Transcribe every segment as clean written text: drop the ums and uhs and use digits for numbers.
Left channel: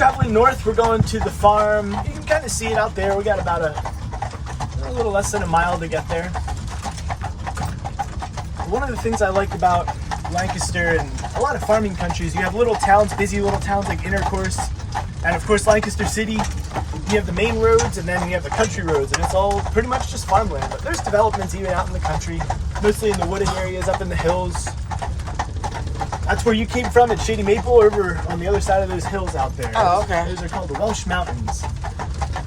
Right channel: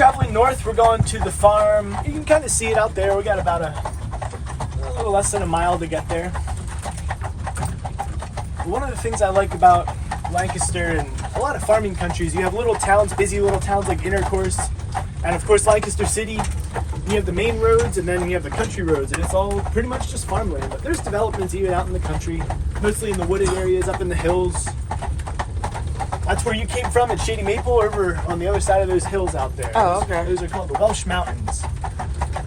traveling north. We're going to the farm. You can kind of see it out there. We got about a little less than a mile to get there. One of the things I like about Lancaster and a lot of farming countries, you have little towns, busy little towns like Intercourse, and of course Lancaster City. You have the main roads and then you have the country roads, and it's all pretty much just farmland. But there's developments even out in the country, mostly in the wooded areas up in the hills. That's where you came from at Shady Maple, over on the other side of those hills out there. Oh, okay. Those are called the Welsh Mountains.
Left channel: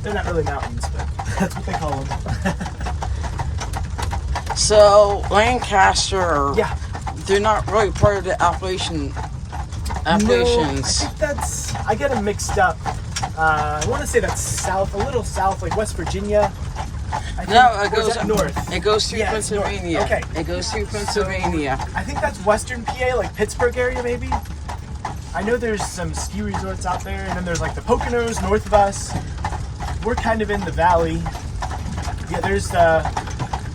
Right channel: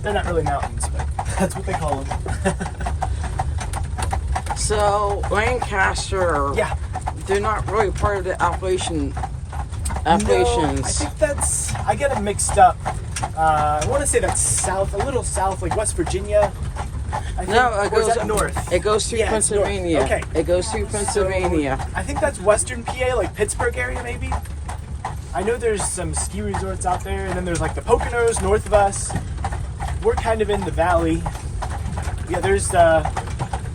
They're not really mountains, but that's what they call them. So Lancaster, Yeah. they're not really part of the Appalachians. No, I think that's, I get them mixed up. I want to say that's south, a little south, like West Virginia. No, it Or is goes that north. It goes through Yeah, it's north. Pennsylvania. Okay. It goes through Pennsylvania. I think that's Western PA, like Pittsburgh area maybe. I know there's some ski resorts out there, and then there's like the Poconos north of us. We're kind of in the valley. Yeah, there's the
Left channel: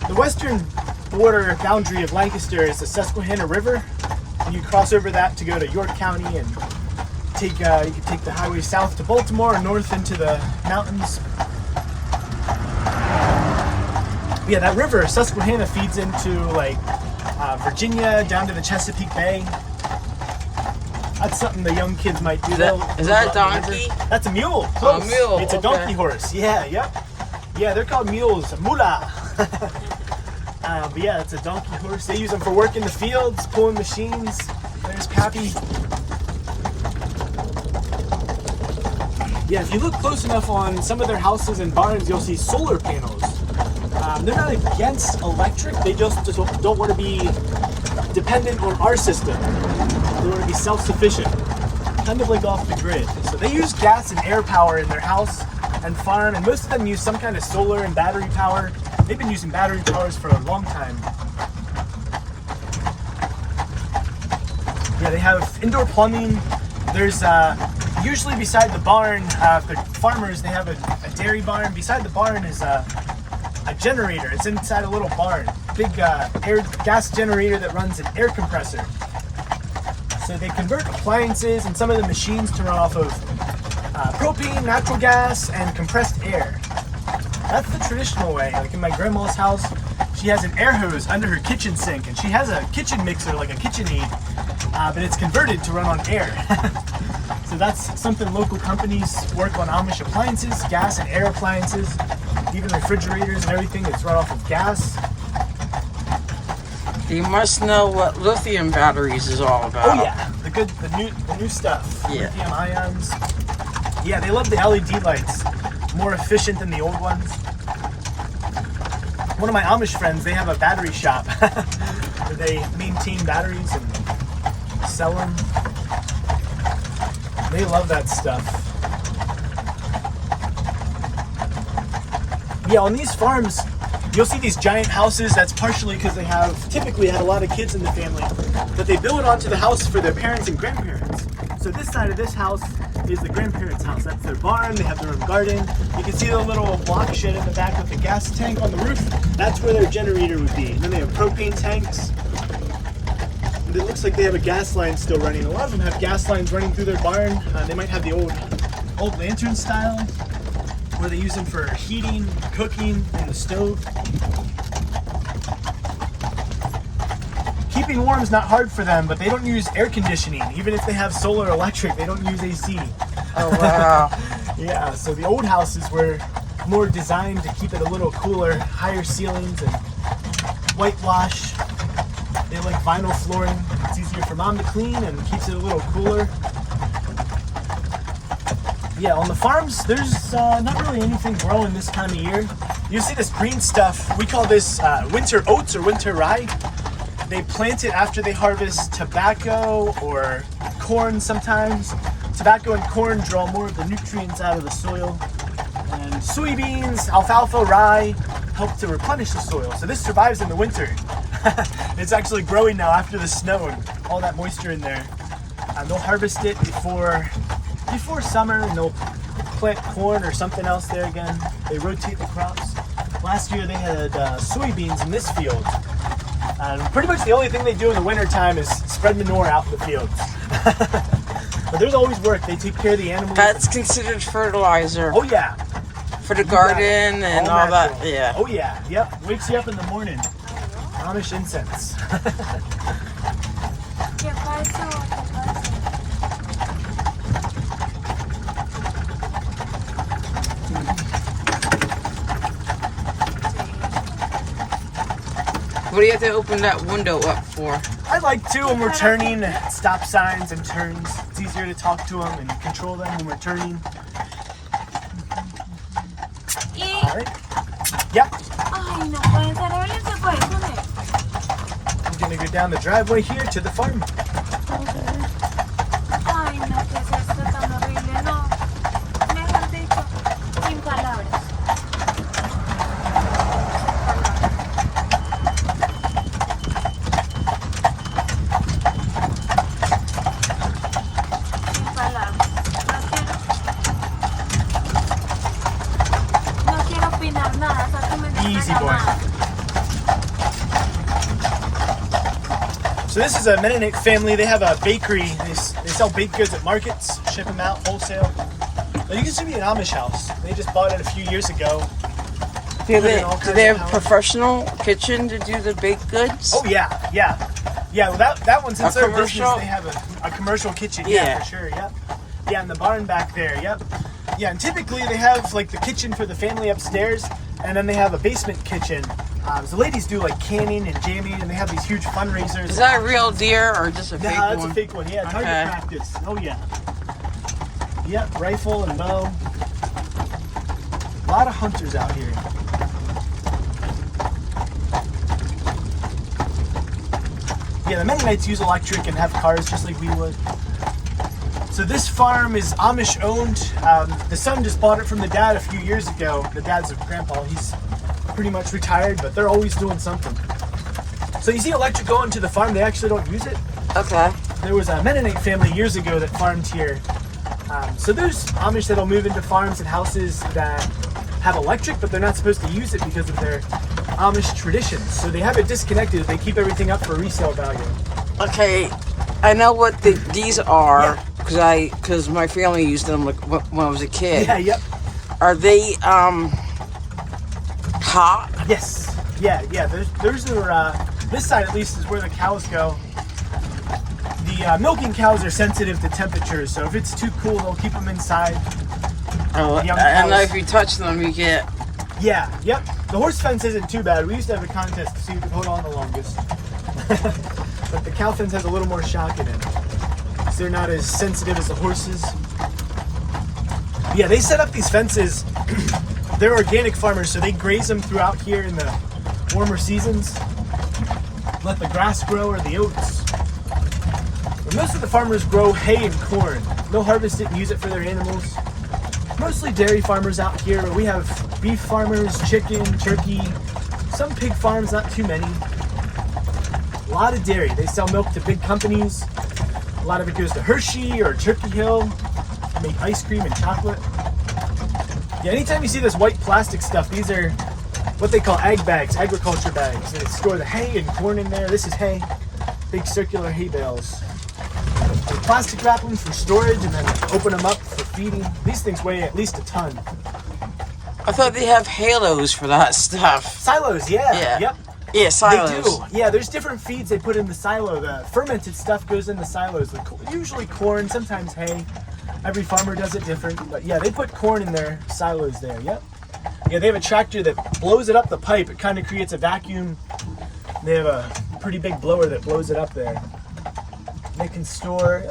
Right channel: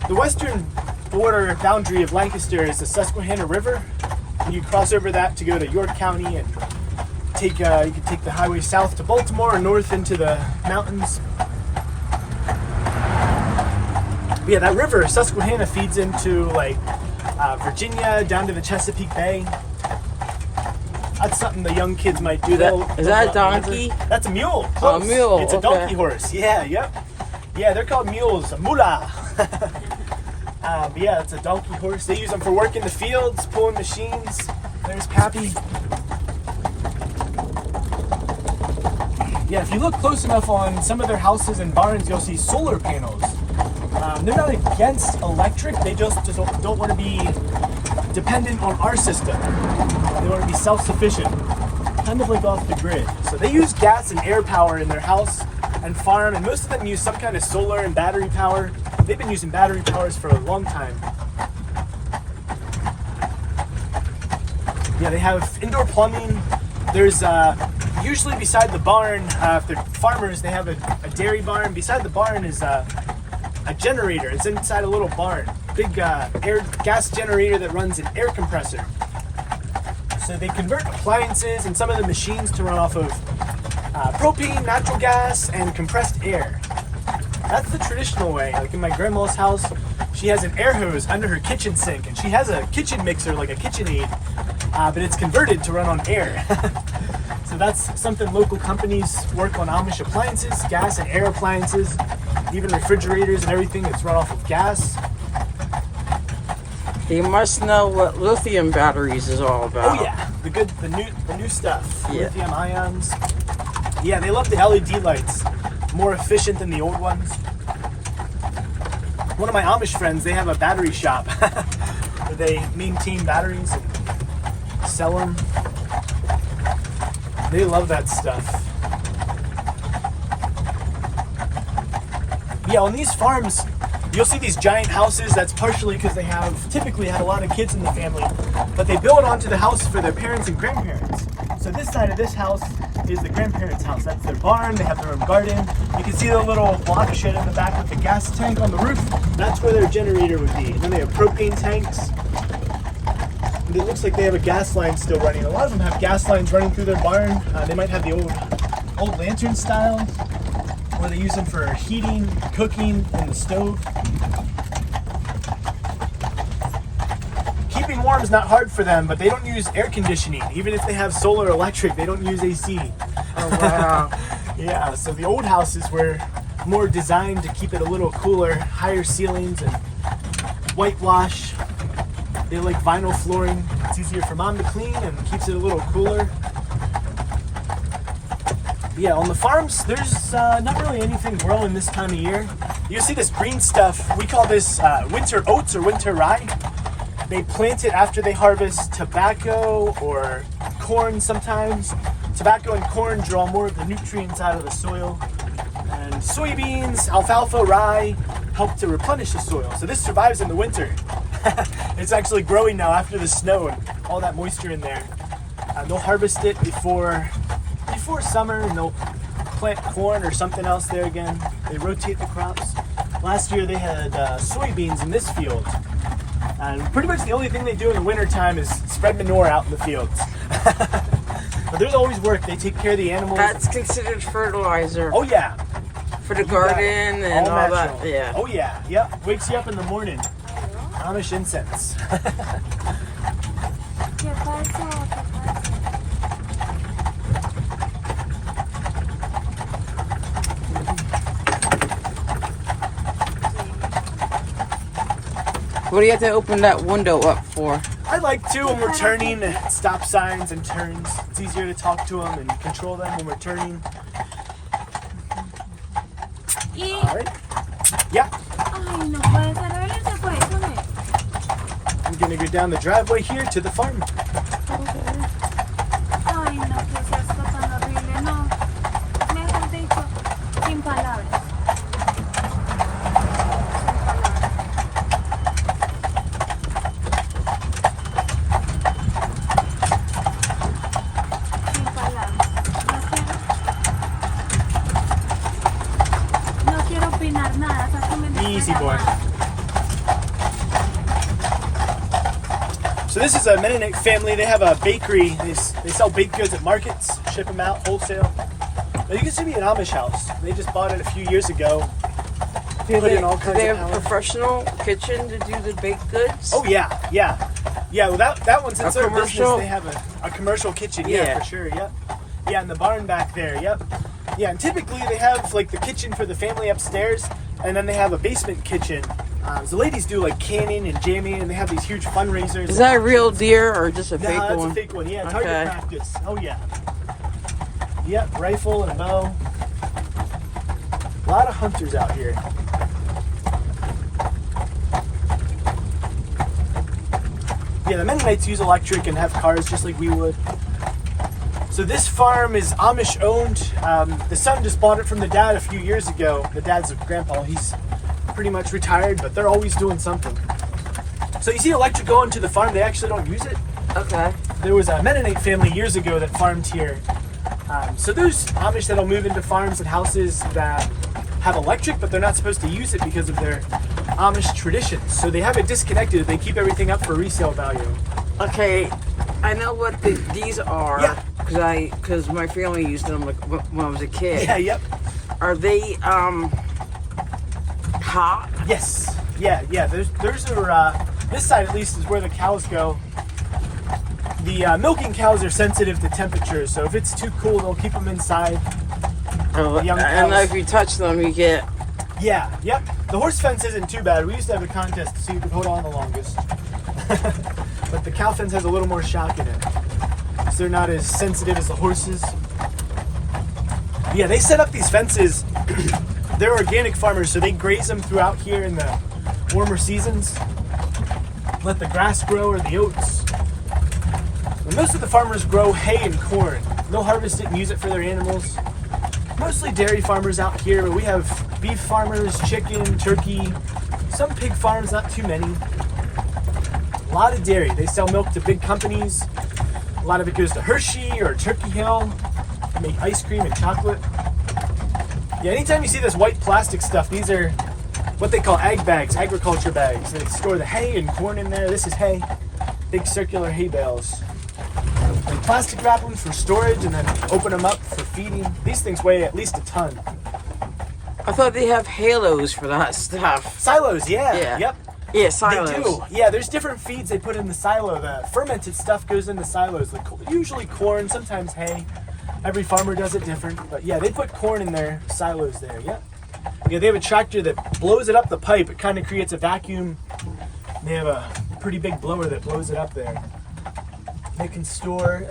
western border boundary of Lancaster is the Susquehanna River, and you cross over that to go to York County and take you can take the highway south to Baltimore or north into the mountains. Yeah, that river Susquehanna feeds into like Virginia down to the Chesapeake Bay. That's something the young kids might do. Is that a donkey? That's a mule. Oh, a mule. It's a Okay. donkey horse. Yeah, yep. Yeah, they're called mules, a mula. But yeah, it's a donkey horse. They use them for work in the fields, pulling machines. There's Pappy. Yeah, if you look close enough on some of their houses and barns, you'll see solar panels. They're not against electric, they just don't want to be dependent on our system. They want to be self-sufficient, kind of like off the grid. So they use gas and air power in their house and farm, and most of them use some kind of solar and battery power. They've been using battery powers for a long time. Yeah, they have indoor plumbing. There's usually beside the barn, if they're farmers, they have a dairy barn. Beside the barn is a generator. It's inside a little barn. Big air gas generator that runs an air compressor. So they convert appliances and some of the machines to run off of propane, natural gas, and compressed air. That's the traditional way. Like in my grandma's house, she has an air hose under her kitchen sink, and she has a kitchen mixer, like a KitchenAid, but it's converted to run on air. So that's something local companies work on. Amish appliances, gas and air appliances, even refrigerators and everything. It's run off of gas. You must know what lithium batteries is all about. Oh yeah, the new stuff. Yeah. Lithium ions. Yeah, they love the LED lights. More efficient than the old ones. One of my Amish friends, they have a battery shop. They maintain batteries and sell them. They love that stuff. Yeah, on these farms, you'll see these giant houses. That's partially because they have typically had a lot of kids in the family, but they build onto the house for their parents and grandparents. So this side of this house is the grandparents' house. That's their barn. They have their own garden. You can see the little block shed in the back with the gas tank on the roof. That's where their generator would be. And then they have propane tanks. And it looks like they have a gas line still running. A lot of them have gas lines running through their barn. They might have the old lantern style, where they use them for heating, cooking, and the stove. Keeping warm is not hard for them, but they don't use air conditioning. Even if they have solar electric, they don't use AC. Oh, wow. Yeah, so the old houses were more designed to keep it a little cooler, higher ceilings, and whitewash. They like vinyl flooring. It's easier for mom to clean and keeps it a little cooler. Yeah, on the farms, there's not really anything growing this time of year. You see this green stuff. We call this winter oats or winter rye. They plant it after they harvest tobacco or corn sometimes. Tobacco and corn draw more of the nutrients out of the soil. And soybeans, alfalfa, rye help to replenish the soil. So this survives in the winter. It's actually growing now after the snow and all that moisture in there. They'll harvest it before summer, and they'll plant corn or something else there again. They rotate the crops. Last year they had soybeans in this field. Pretty much the only thing they do in the winter time is spread manure out in the fields. But there's always work. They take care of the animals. That's considered fertilizer Oh yeah. for the garden and all that. natural. Yeah. Oh yeah. Yep. Wakes you up in the morning. Amish incense. ¿Qué fue eso? ¿Qué fue eso? What do you have to open that window up for? I like to when we're turning stop signs and turns. It's easier to talk to them and control them when we're turning. Y... All right. Yep. Ay, no puede ser. A ver, se fue. ¿Dónde? We're gonna go down the driveway here to the farm. Ay, no, ¿qué es esto tan horrible? No. Mejor dicho, sin palabras. Sin palabras. No quiero opinar nada. Sácame de Easy esta boy. llamada. So this is a Mennonite family. They have a bakery. They sell baked goods at markets, ship them out wholesale. But you can see me an Amish house. They just bought it a few years ago. Do Put in all they kinds of have a power. professional kitchen to do the baked goods? Oh yeah. Well, that one's inside commercial? business. They have a commercial kitchen. Yeah. For sure. Yep. Yeah, and the barn back there. Yep. Yeah, and typically they have like the kitchen for the family upstairs, and then they have a basement kitchen. The ladies do like canning and jamming, and they have these huge fundraisers. Is that a real deer or just a No, fake that's one? a fake one. Yeah, Okay. target practice. Oh yeah. Yep, rifle and bow. A lot of hunters out here. Yeah, the Mennonites use electric and have cars just like we would. So this farm is Amish owned. The son just bought it from the dad a few years ago. The dad's a grandpa. He's pretty much retired, but they're always doing something. So you see electric going to the farm, they actually don't use it. Okay. There was a Mennonite family years ago that farmed here. So there's Amish that'll move into farms and houses that have electric, but they're not supposed to use it because of their Amish traditions. So they have it disconnected. They keep everything up for resale value. Okay, I know what these are Yeah. because my family used them like when I was a kid. Yeah, yep. Are they hot? Yes. Yeah. There's this side at least is where the cows go. The milking cows are sensitive to temperatures, so if it's too cool, they'll keep them inside. Oh, Young I know cows. if you touch them, you get. Yeah, yep. The horse fence isn't too bad. We used to have a contest to see who could hold on the longest. But the cow fence has a little more shock in it. So they're not as sensitive as the horses. Yeah, they set up these fences. They're organic farmers, so they graze them throughout here in the warmer seasons. Let the grass grow or the oats. And most of the farmers grow hay and corn. They'll harvest it and use it for their animals. Mostly dairy farmers out here. We have beef farmers, chicken, turkey, some pig farms, not too many. A lot of dairy. They sell milk to big companies. A lot of it goes to Hershey or Turkey Hill. They make ice cream and chocolate. Yeah, anytime you see this white plastic stuff, these are what they call ag bags, agriculture bags. They store the hay and corn in there. This is hay. Big circular hay bales. They plastic wrap them for storage and then open them up for feeding. These things weigh at least a ton. I thought they have halos for that stuff. Silos, yeah. Yeah. Yep. Yeah, They silos. do. Yeah, there's different feeds they put in the silo. The fermented stuff goes in the silos. Usually corn, sometimes hay. Every farmer does it different. But yeah, they put corn in their silos there. Yep. Yeah, they have a tractor that blows it up the pipe. It kind of creates a vacuum. They have a pretty big blower that blows it up there. They can store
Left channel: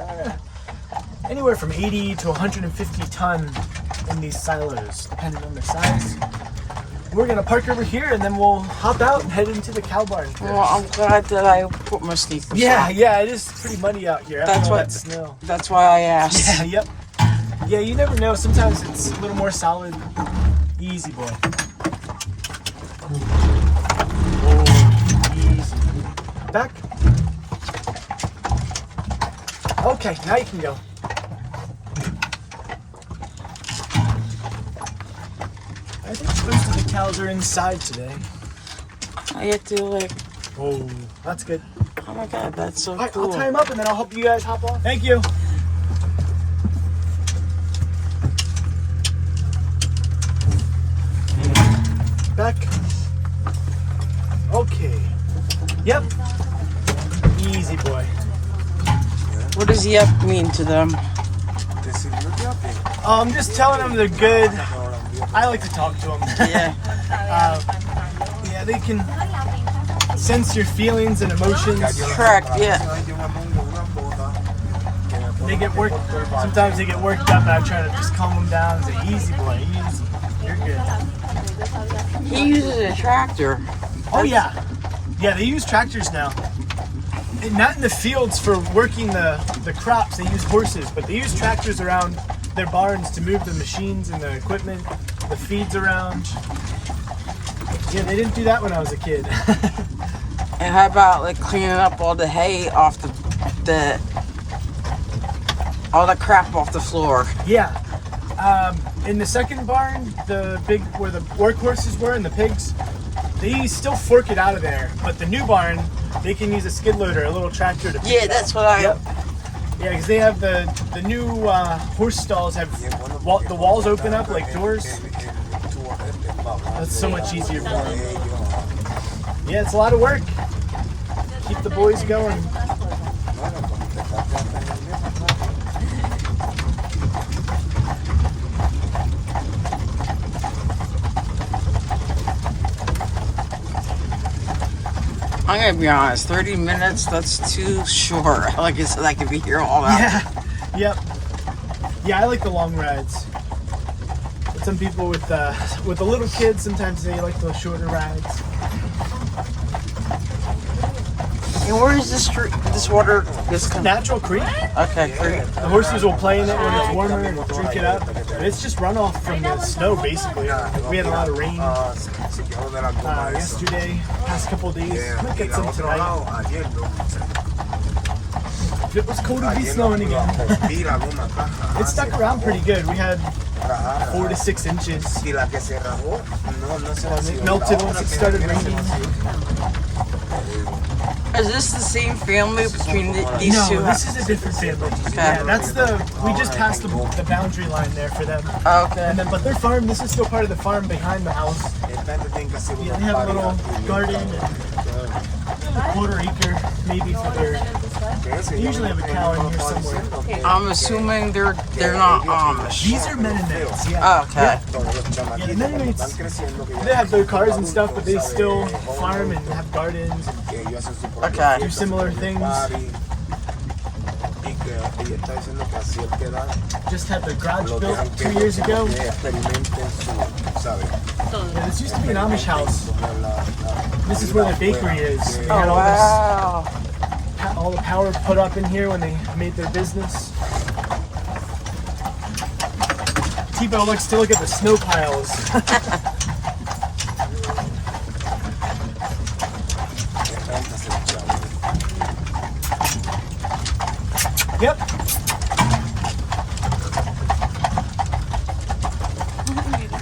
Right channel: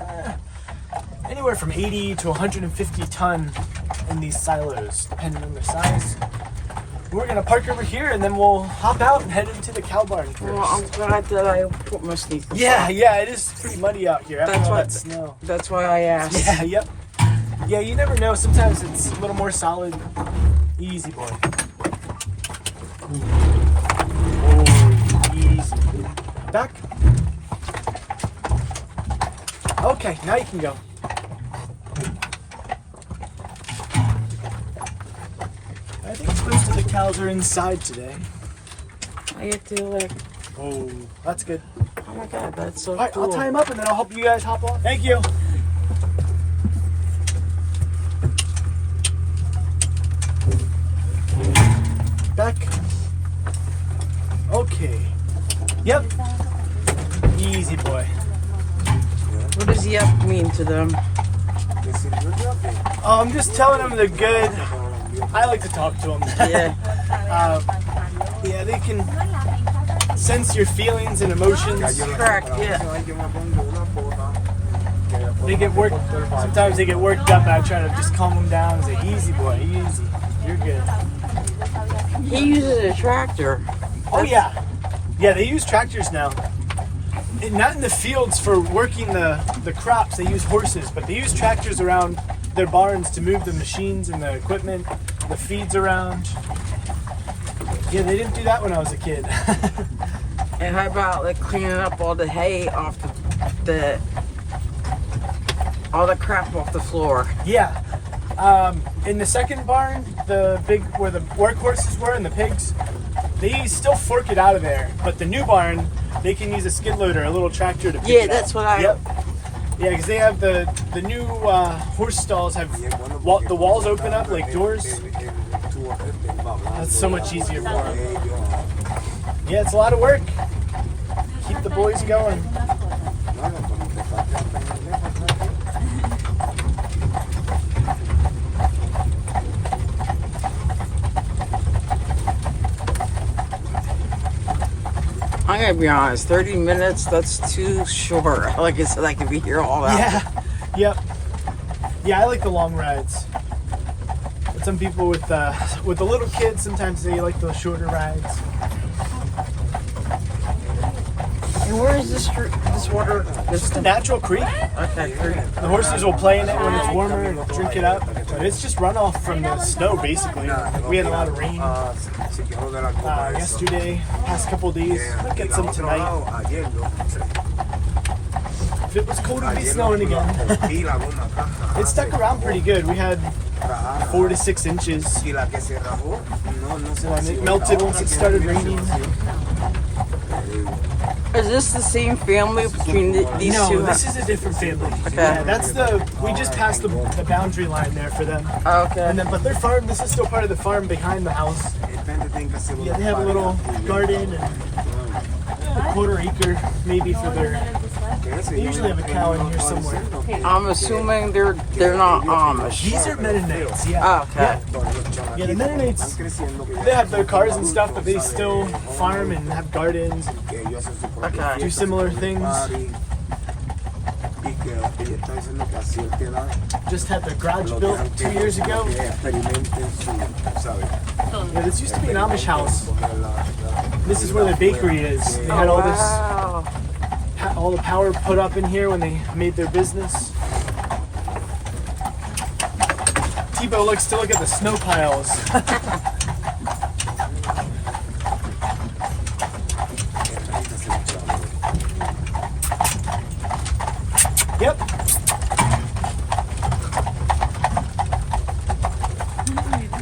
anywhere from 80 to 150 ton in these silos, depending on their size. We're gonna park over here and then we'll hop out and head into the cow barn first. Well, I'm glad that I put my sneakers Yeah, on. it is pretty muddy out here after That's all what- that snow. That's why I asked. Yeah, yep. Yeah, you never know. Sometimes it's a little more solid. Easy, boy. Oh, easy. Back. Okay, now you can go. I think most of the cows are inside today. I get to like, Oh, that's good. oh my god, that's so All right, cool. I'll tie him up and then I'll help you guys hop on. Thank you. Yep. Easy boy. What does yuck mean to them? I'm just telling them they're good. I like to talk to them. Yeah. Yeah, they can sense your feelings and emotions. Correct, yeah. They get worked. Sometimes they get worked up, and I try to just calm them down and say, "Easy, boy, easy. You're good." He uses a tractor. Oh yeah, yeah. They use tractors now. And not in the fields for working the crops. They use horses, but they use tractors around their barns to move the machines and the equipment, the feeds around. Yeah, they didn't do that when I was a kid. And how about like cleaning up all the hay off the all the crap off the floor? Yeah. In the second barn, the big where the workhorses were and the pigs, they still fork it out of there. But the new barn, they can use a skid loader, a little tractor to pick Yeah, it that's up. what I. Yep. Yeah, because they have the new horse stalls have the walls open up like doors. That's so much easier. Yeah, it's a lot of work. Keep the boys going. I'm gonna be honest. 30 minutes. That's too short. Like I said, I could be here all night. Yeah. Yep. Yeah, I like the long rides. But some people with the little kids, sometimes they like those shorter rides. And where is this water? It's a natural creek. Okay, great. The horses will play in it when it's warmer and drink it up. And it's just runoff from the snow, basically. We had a lot of rain yesterday, past couple days. Get some tonight. If it was cold, it'd be snowing again. It stuck around pretty good. We had 4 to 6 inches. It melted once it started raining. Is this the same family between these two? No, this is a different family. Okay. Yeah, we just passed the boundary line there for them. Okay. And then, but their farm, this is still part of the farm behind the house. They have a little garden, a quarter acre maybe for their. They usually have a cow in here somewhere. I'm assuming they're not Amish. These are Mennonites. Yeah. Oh, okay. Yeah, the Mennonites, they have their cars and stuff, but they still farm and have gardens. Okay. Do similar things. Just had the garage built 2 years ago. Yeah, this used to be an Amish house. This is where the bakery is. They had Oh, wow. all the power put up in here when they made their business. T-Bow likes to look at the snow piles. Yep.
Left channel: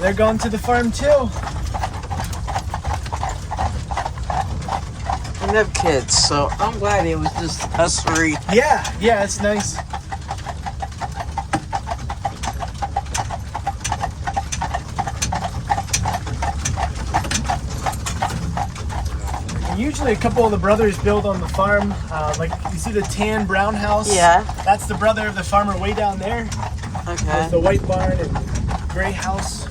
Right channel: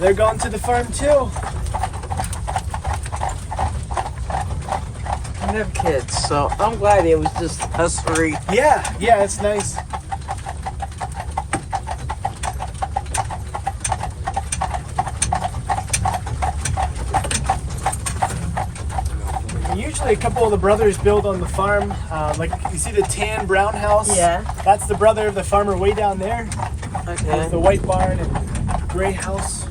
They're going to the farm too. I have kids, so I'm glad it was just us three. Yeah, it's nice. Usually a couple of the brothers build on the farm. Like you see the tan brown house? Yeah. That's the brother of the farmer way down there. Okay. There's the white barn and gray house.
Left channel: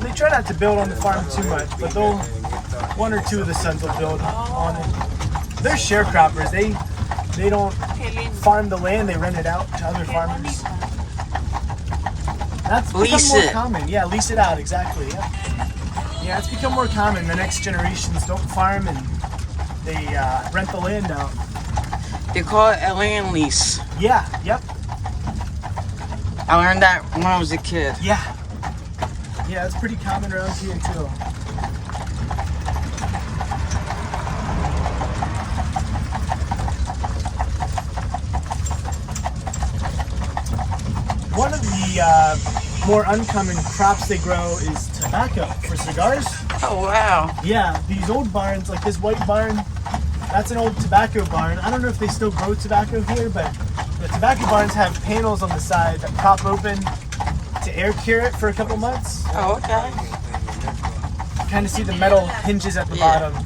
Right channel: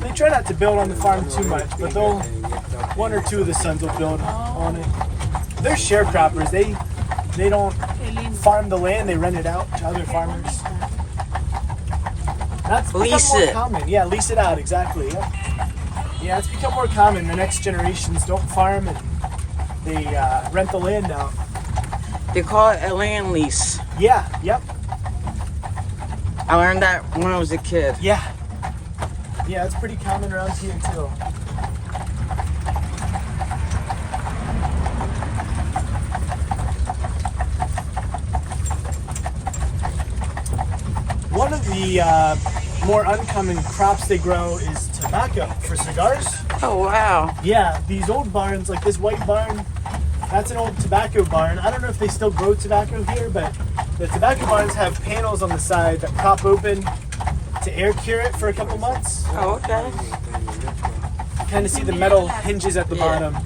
They try not to build on the farm too much, but one or two of the sons will build on it. They're sharecroppers. They don't farm the land, they rent it out to other farmers. That's become Lease more it. common. Yeah, lease it out, exactly. Yeah, it's become more common. The next generations don't farm and they rent the land out. They call it a land lease. Yeah, yep. I learned that when I was a kid. Yeah. Yeah, it's pretty common around here too. One of the more uncommon crops they grow is tobacco for cigars. Oh, wow. Yeah, these old barns, like this white barn, that's an old tobacco barn. I don't know if they still grow tobacco here, but the tobacco barns have panels on the side that pop open to air cure it for a couple months. Oh, okay. kind of see the metal hinges at the Yeah. bottom.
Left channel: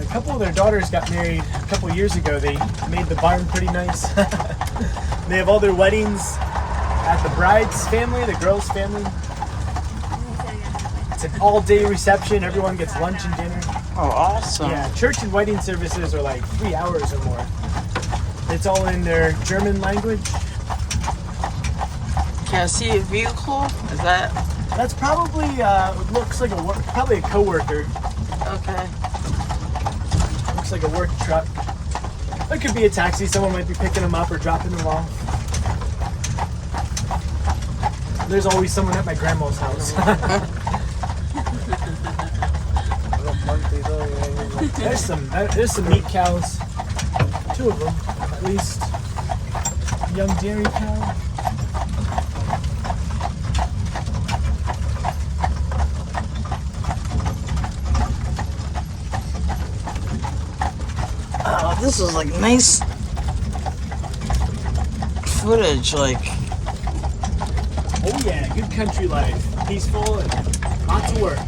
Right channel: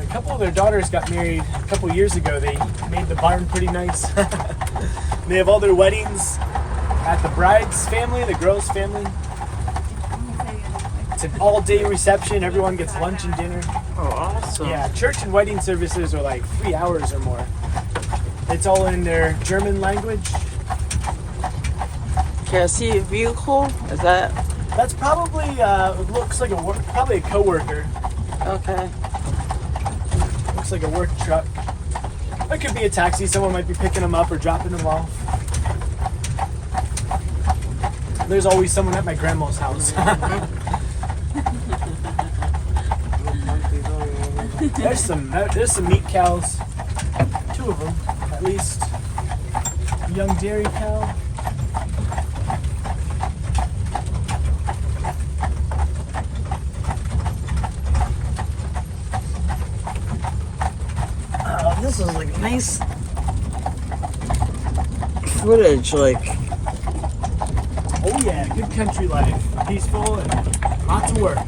A couple of their daughters got married a couple years ago. They made the barn pretty nice. They have all their weddings at the bride's family, the girl's family. It's an all-day reception. Everyone gets lunch and dinner. Oh, awesome. Yeah, church and wedding services are like 3 hours or more. It's all in their German language. Can I see a vehicle? Is that That's probably it looks like probably a coworker. okay? Looks like a work truck. It could be a taxi. Someone might be picking them up or dropping them off. There's always someone at my grandma's house. There's some meat cows. 2 of them, at least. A young dairy cow. Oh, this is like nice footage. Like, Oh yeah, good country life. Peaceful and lots of work.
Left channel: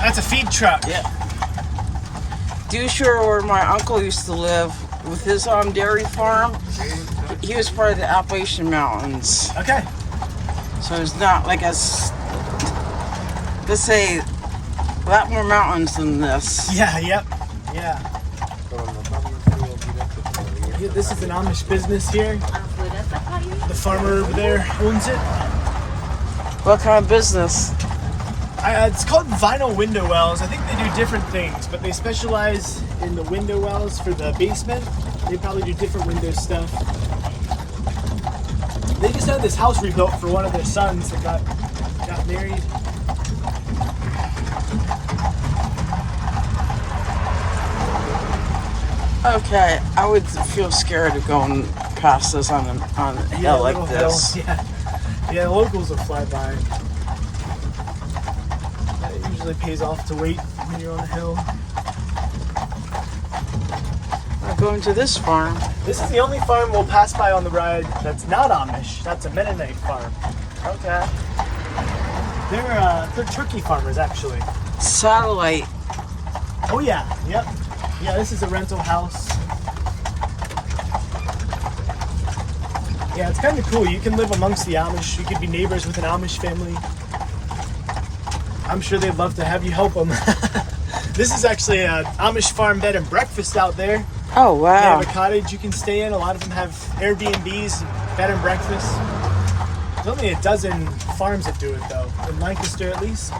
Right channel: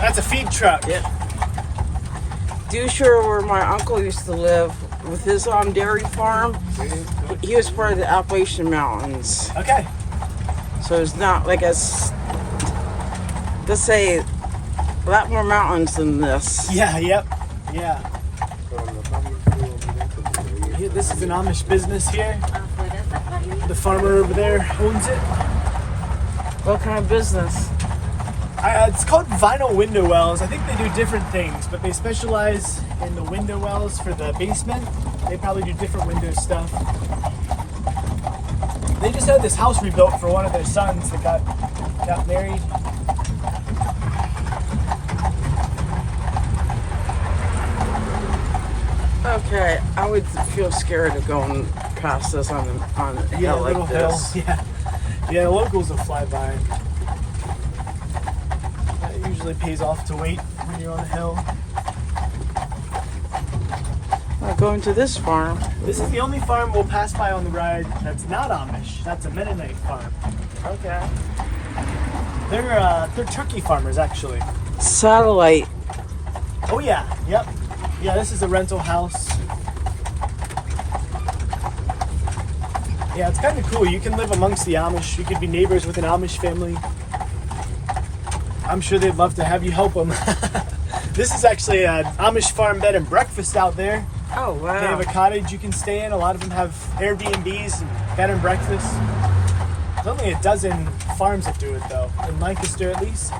That's a feed truck. yeah. Do you sure where my uncle used to live with his dairy farm? He was part of the Appalachian Mountains, Okay. so it's not like let's say a lot more mountains than this. Yeah, yep. Yeah. This is an Amish business here. The farmer over there owns it. What kind of business? It's called vinyl window wells. I think they do different things, but they specialize in the window wells for the basement. They probably do different window stuff. They just had this house rebuilt for one of their sons that got married. Okay, I would feel scared of going past this on a hill like this. Yeah, the locals will fly by. It usually pays off to wait when you're on a hill. I'm going to this farm. This is the only farm we'll pass by on the ride that's not Amish. That's a Mennonite farm. Okay. They're turkey farmers, actually. Satellite. Oh yeah, yep. Yeah, this is a rental house. Yeah, it's kind of cool. You can live amongst the Amish. You could be neighbors with an Amish family. I'm sure they'd love to have you help them. This is actually an Amish farm bed and breakfast out there. Oh, They wow. have a cottage you can stay in. A lot of them have Airbnbs, bed and breakfast. There's only a dozen farms that do it though, in Lancaster at least.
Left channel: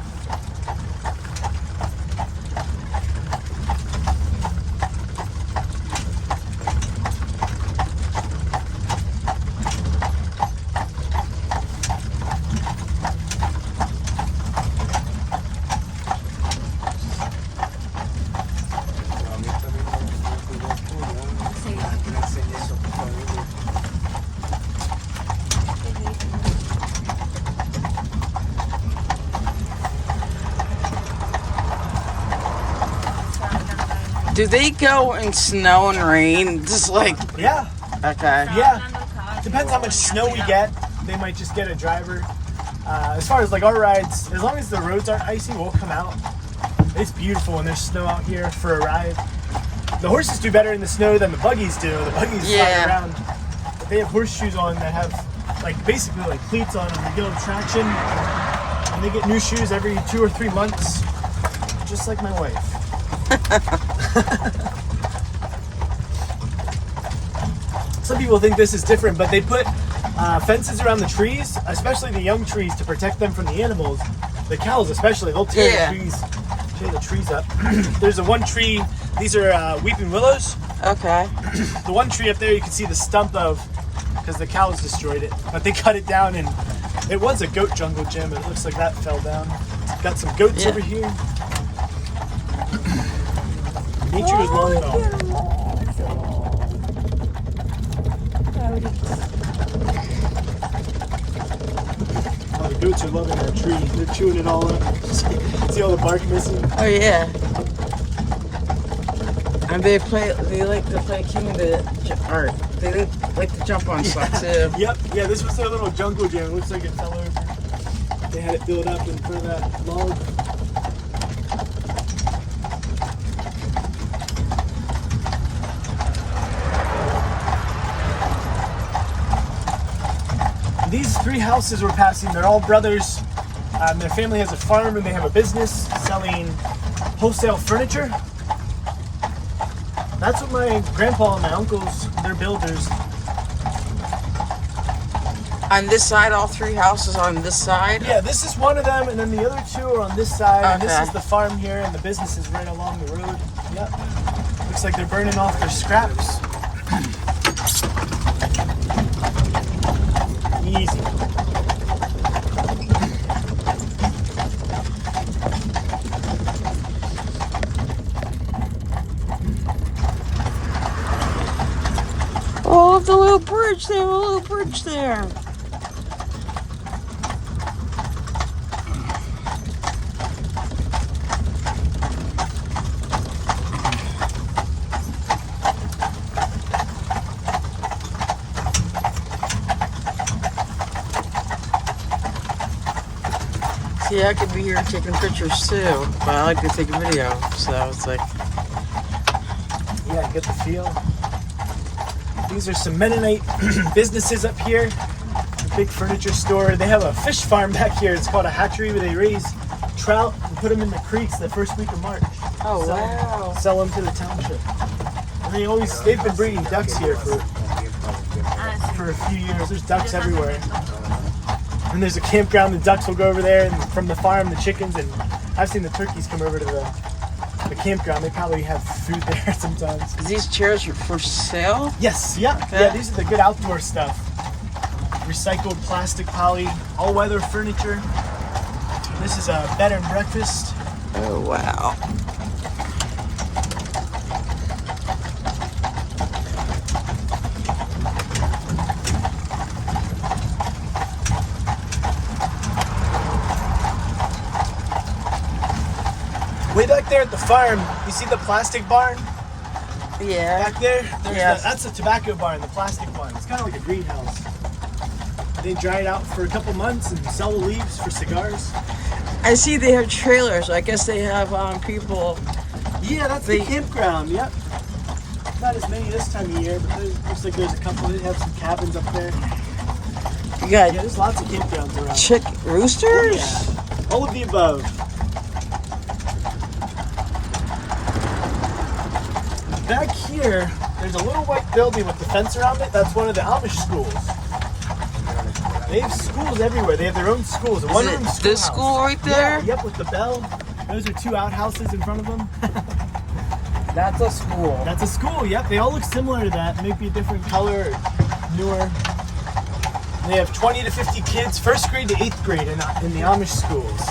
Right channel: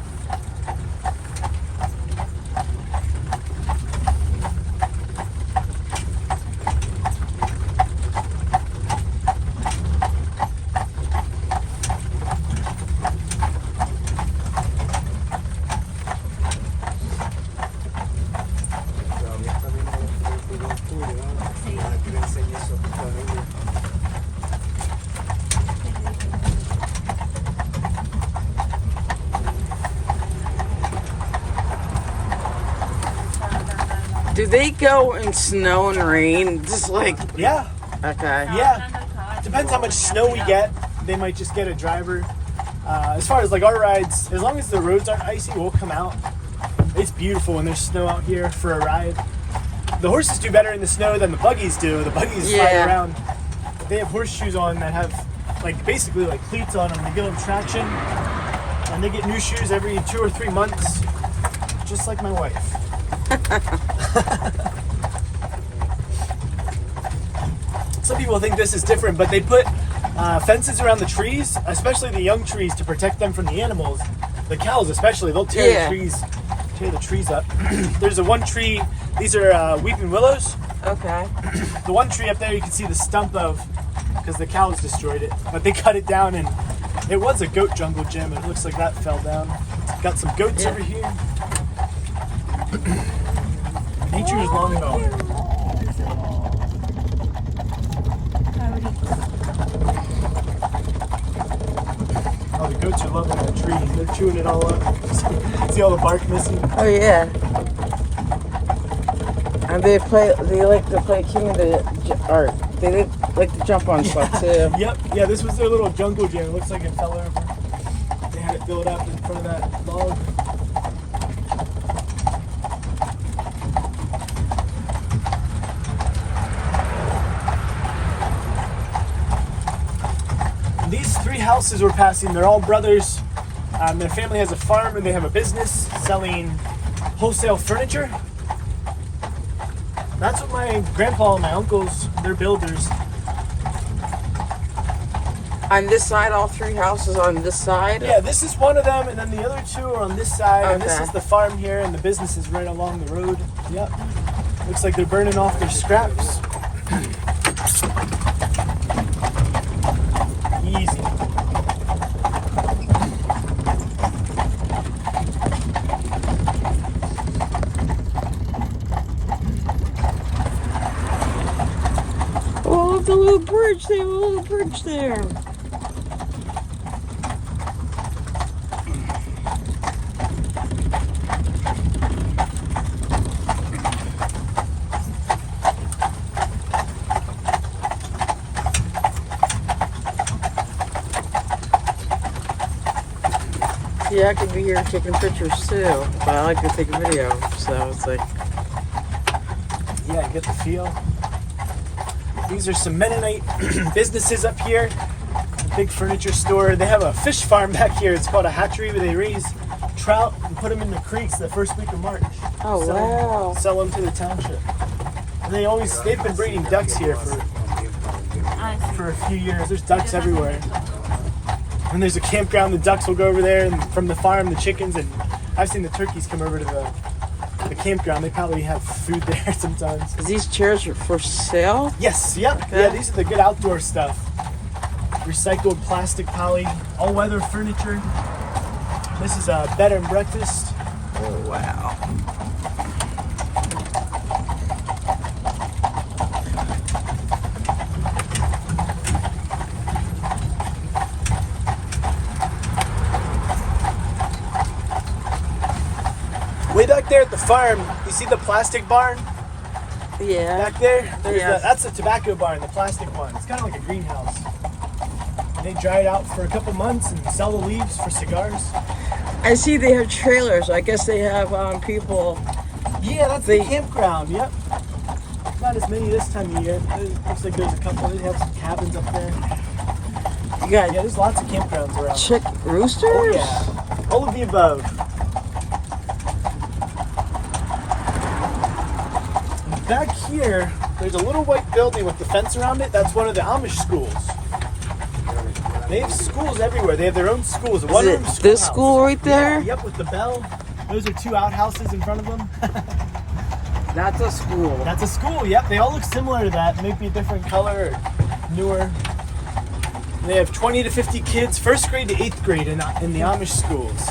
Do they go in snow and rain? Just like, Yeah, okay. yeah. Depends how much snow we get. They might just get a driver. As far as like our rides, as long as the roads aren't icy, we'll come out. It's beautiful when there's snow out here for a ride. The horses do better in the snow than the buggies do. The buggies fly Yeah. around. they have horseshoes on that have like basically like cleats on them. They give them traction, and they get new shoes every 2 or 3 months, just like my wife. Some people think this is different, but they put fences around the trees, especially the young trees, to protect them from the animals. The cows especially, they'll tear the trees up. There's a one tree, these are weeping willows. Okay. The one tree up there you can see the stump of, because the cows destroyed it. But they cut it down, and it was a goat jungle gym, and it looks like that fell down. Got some goats over here. Nature is long going. Oh, the goats are loving that tree. They're chewing it all up. See all the bark missing? Oh yeah. And they like to play king of the, or they like to jump on stuff too. Yep, yeah, this was their little jungle gym. It looks like it fell over. They had it built up in front of that log. These 3 houses we're passing, they're all brothers. Their family has a farm and they have a business selling wholesale furniture. That's what my grandpa and my uncles, they're builders. On this side, all 3 houses on this side? Yeah, this is one of them, and then the other 2 are on this side. Okay. And this is the farm here, and the business is right along the road. Yep. Looks like they're burning off their scraps. Easy. Oh, the little bridge there, the little bridge there. See, I could be here taking pictures too, but I like to take a video, so it's like... Yeah, I get the feel. These are some Mennonite businesses up here. Big furniture store. They have a fish farm back here. It's called a hatchery where they raise trout and put them in the creeks the first week of March. Oh, wow. Sell them to the township. And they've been breeding ducks here for a few years. There's ducks everywhere. And there's a campground. The ducks will go over there, and from the farm, the chickens, and I've seen the turkeys come over to the campground. They probably have food there sometimes. Is these chairs for sale? Yes, yeah. Okay. Yeah, these are the good outdoor stuff. Recycled plastic poly, all-weather furniture. This is a bed and breakfast. Oh, wow. Way back there at the farm, you see the plastic barn Yeah. back there? Yeah. That's a tobacco barn, the plastic one. It's kind of like a greenhouse. They dry it out for a couple months and sell the leaves for cigars. I see they have trailers. I guess they have people. Yeah, that's the campground, yep. Not as many this time of year, but it looks like there's a couple. They have some cabins up there. You got Yeah, there's lots of campgrounds around. chick roosters? Oh, yeah. All of the above. And back here, there's a little white building with the fence around it. That's one of the Amish schools. They have schools everywhere. They have their own schools. Is it this school right there? Yeah, yep, with the bell. Those are 2 outhouses in front of them. That's a school. That's a school, yep. They all look similar to that. Maybe a different color or newer. They have 20 to 50 kids, 1st grade to 8th grade in the Amish schools.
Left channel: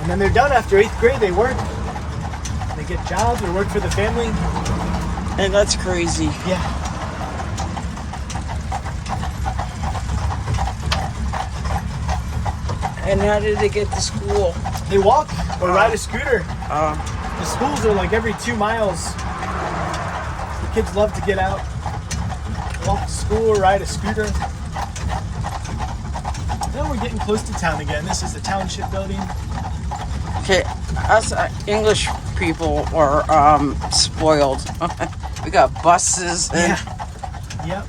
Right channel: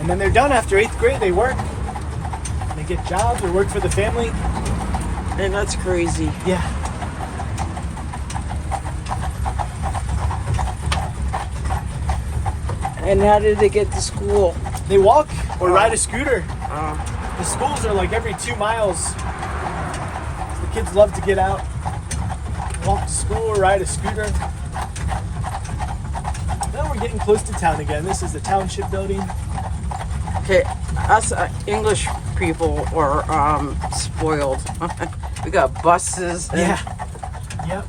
And then they're done after 8th grade. They work. They get jobs or work for the family. And that's crazy. Yeah. And how did they get to school? They walk or ride a scooter. Oh. The schools are like every 2 miles. The kids love to get out, walk to school or ride a scooter. Now we're getting close to town again. This is the township building. Okay, us English people are spoiled. We got buses and Yep.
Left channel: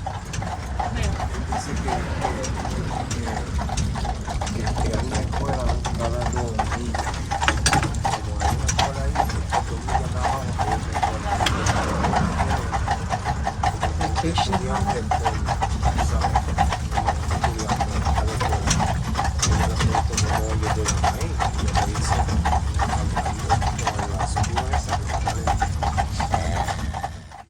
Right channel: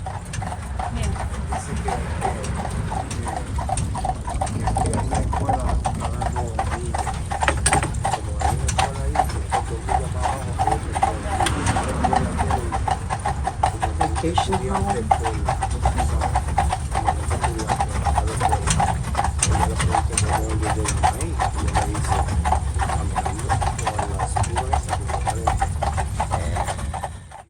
Vacation home.